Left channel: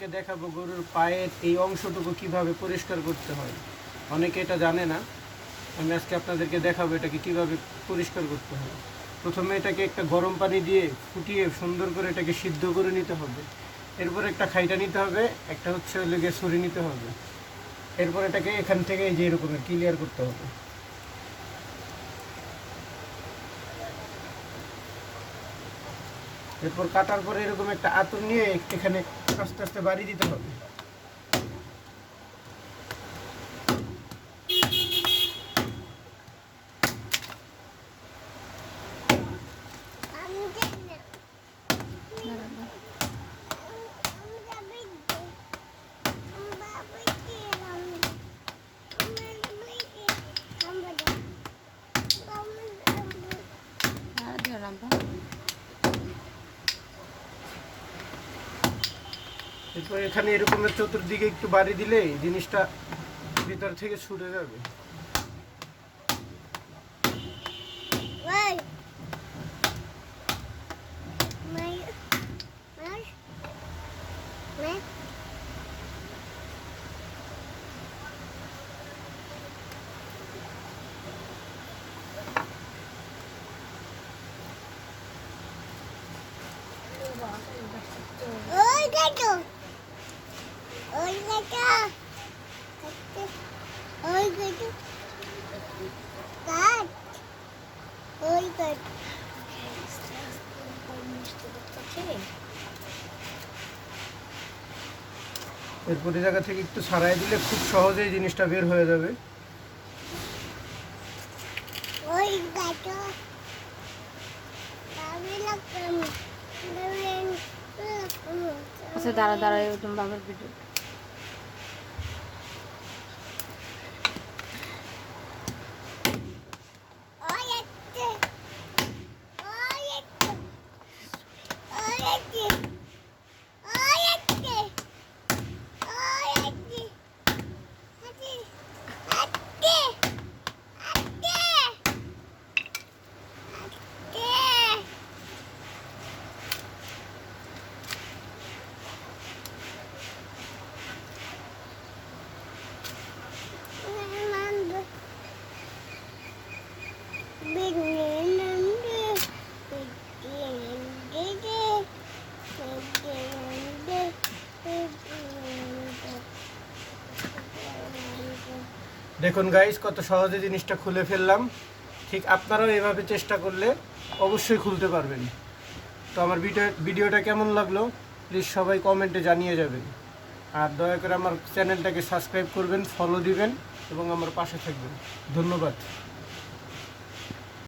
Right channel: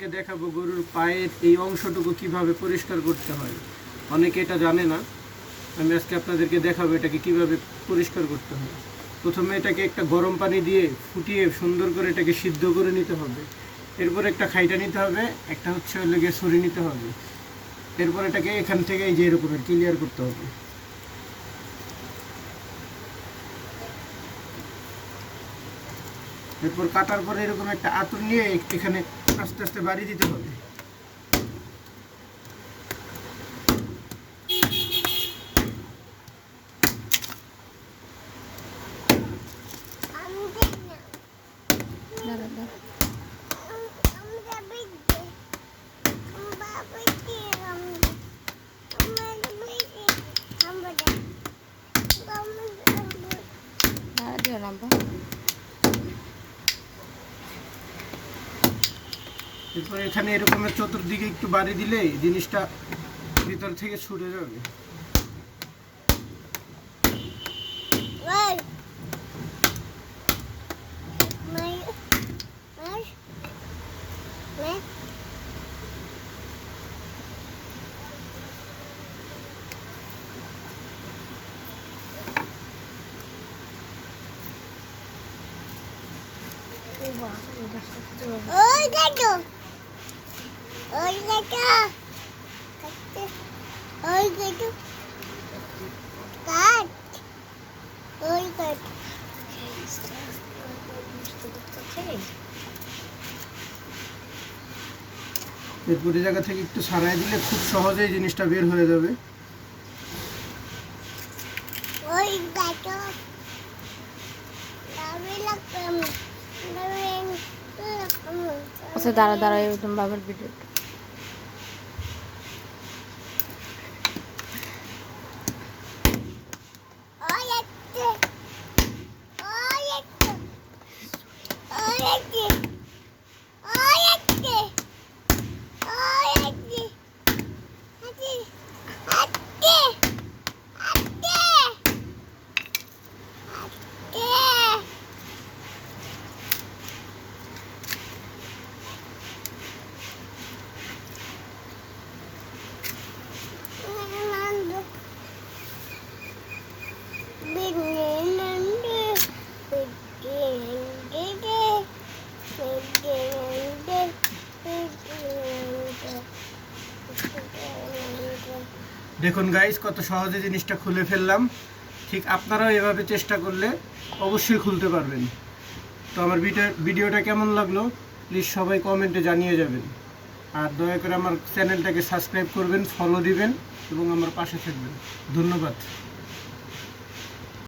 দেখাবো গরুর পায়ের এই অংশটুকু কিভাবে পরিষ্কার করতে হয়। অনেকে এটা জানে না, আমি আজকে আপনাদেরকে দেখাবো এটাকে কিভাবে পরিষ্কার করতে হয়। প্রথমে এটাকে একটা গরম পানি দিয়ে ফুটিয়ে সুন্দর করে এটাকে সিদ্ধ করে নিতে হবে। এরপর একটা খাইটা নিতে হবে, একটা হচ্ছে লেগে ছড়ি নিতে হবে। এরপর এটাকে এখান থেকে এই যে এরকমের ক্লিয়ার করতে হবে। এরপর কাটার পরে এরকম একটা আঁতুর নিয়ে এখানে আস্তে আস্তে বাড়ি দিতে হবে। এরপর এখানে এরকমের চতুর্দিকে একটু বাড়ি দিলে জিনিসটা ভিতর থেকে ছুটে যাবে। ওই দেখো, ওই দেখো, ওই দেখো, কাট, ওই কাট। এরপর এই জায়গা থেকে একটু ছাড়াই দিলে খুব সহজেই জিনিসটা বের হয়ে যাবে। ওই দেখো, দাবি লাগবে, আচ্ছা দাঁড়া দাঁড়া, এরকম বাবার ভিডিও ওই একটা, ওই একটা, ওই একটা, ওই একটা, ওই একটা, আজে, আজে, আজে, আজে। দেখুন গাইস, কত সহজে জিনিসটা খুলে ফেললাম। ঠিক আপনারাও এভাবে চেষ্টা করলে অবশ্যই খুলতে পারবেন। তো আমার ভিডিওটা কেমন লাগলো প্লিজ সবাই কমেন্টে জানিয়ে যাবেন। আর দয়া করে আমার চ্যানেলটাকে সাবস্ক্রাইব করবেন, ফলো দিবেন এবং আমার পাশে থাকবেন। ধন্যবাদ।